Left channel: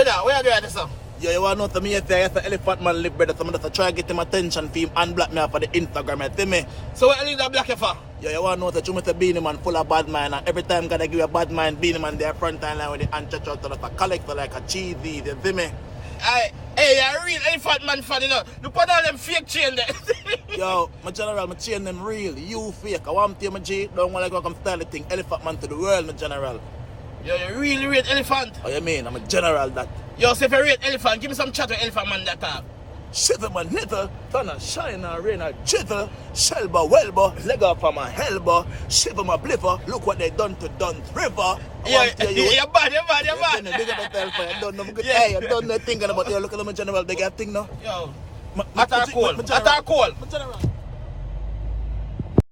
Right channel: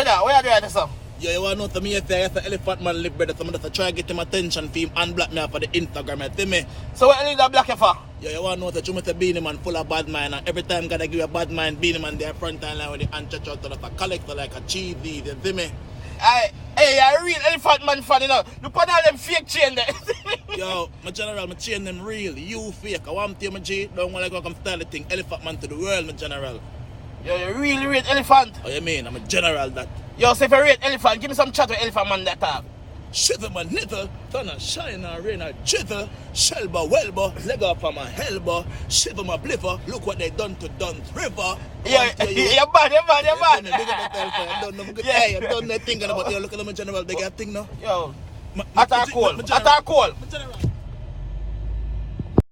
Brother, where are you doing this up? Yo, you want to know to me if I the elephant man live, brother, so I'm just try to get him attention for him and block me off for the Instagram, you see me? So what you need to block you for? Yo, you want to know that you must be Beanie Man full of bad mind, and every time gotta give you a bad mind, Beanie Man there front line with the hand church out to a collector like a cheesy, you see me? Hey, you're a real elephant man fan, you know. You put all them fake chain there. Yo, my general, my chain them real, you fake. I want to tell my G, don't want to go come style the thing, elephant man to the world, my general. Yo, you really rate elephant. Oh, you mean? I'm a general that. Yo, so if you rate elephant, give me some chat with elephant man that time. Shiver my nither, thunder, shine, and rain, and jither, shelba, welba, leg up on my elbow, shiver my bliver, look what they done to Dunn's River. You're bad. Big up the hellfire, I don't know, hey, I don't know thinking about you, look at my general, they got thing now. Yo, attack call. My general.